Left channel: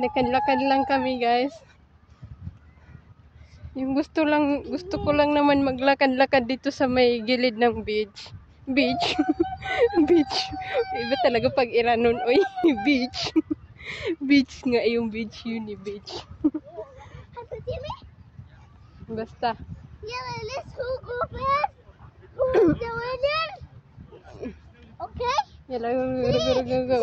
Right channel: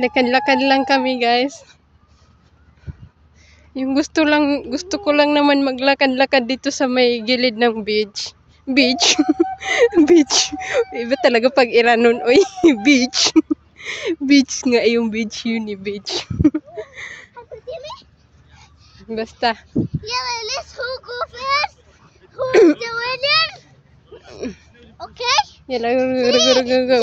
Lakad-lakad lang kami, guys. Yung gusto ko lang naman maglakad-lakad dito sa may gilid ng beach. Beach. Beach. Iba talaga pag Iranon. Oy, beach. Beach nga yung beach yun, beach. Basta. Yeah, let's who go first. Who's the winner? Okay? Yala, go. 2,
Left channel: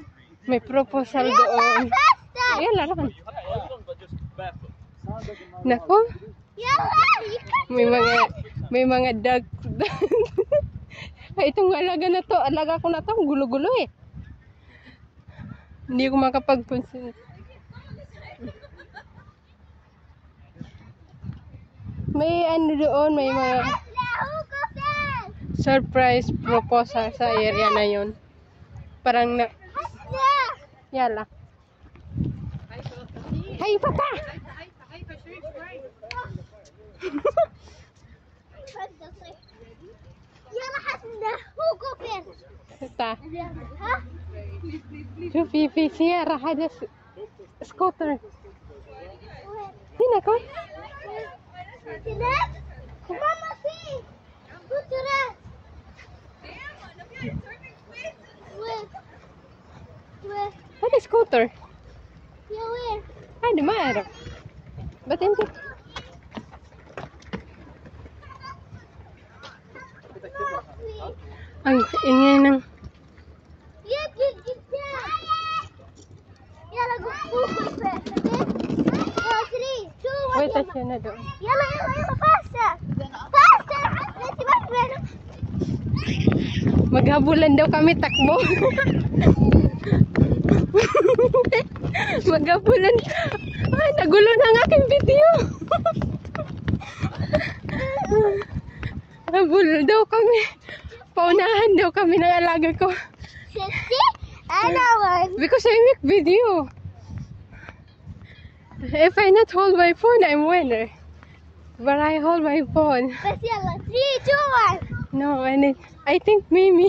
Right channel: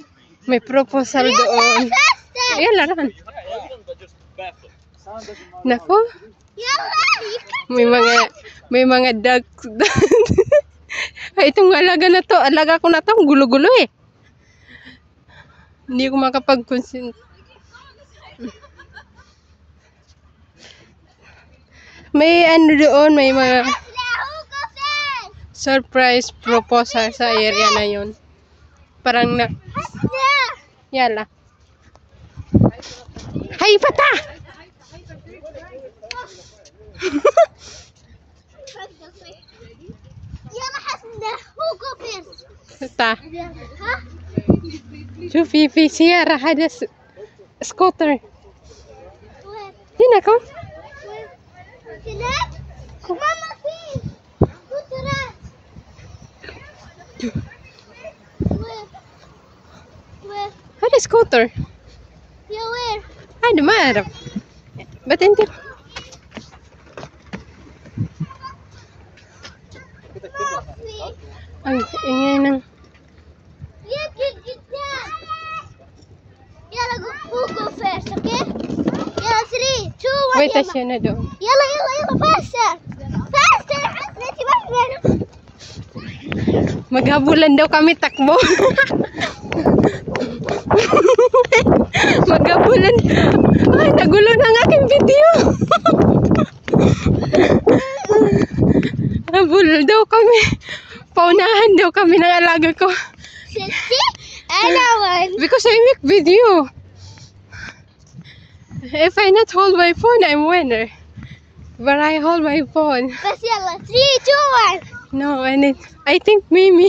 1. May proposal doon. Ayan, laran. Nako, may mga duck. Ay, itong alaga ko na to, gulo-gulo eh. Hindi ko makapag-consent. May ano doon, may mga surprise proposal sa area na yon. Parang na... Yala. Hay, pata! يلا حسنا هو go first. Ta. ها؟ شوفي في سيارة هذا سكوتر. هنا كم؟ هناك؟ ماما في سكوترات. وين؟ هذا سكوتر. يا وين؟ هذا ما أعرف. بس أنت ang ingay ng يلا قدام. يلا who go first, okay? يلا 3 2 1 wait siya na doon. يلا faster. Faster. انتي ما تبينه. Maghabulan daw kami takbo. Maghabulan. Ay, nagulo na ang aking video. Habol daw kami. Paunahan daw kami ng alaga ko. Because I make video. If I not hold my phone, I'm winner. But I hold my phone. بس يلا 3 2 1. No, I think Mimi.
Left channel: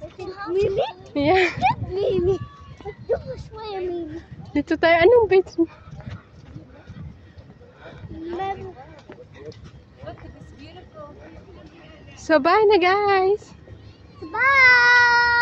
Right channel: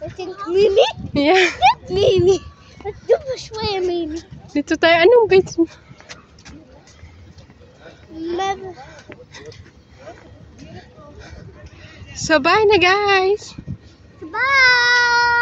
I think Mimi. Yeah. Mimi. دوب شوية ميمي. Dito tayo. Anong beach? So, bye na guys. Bye.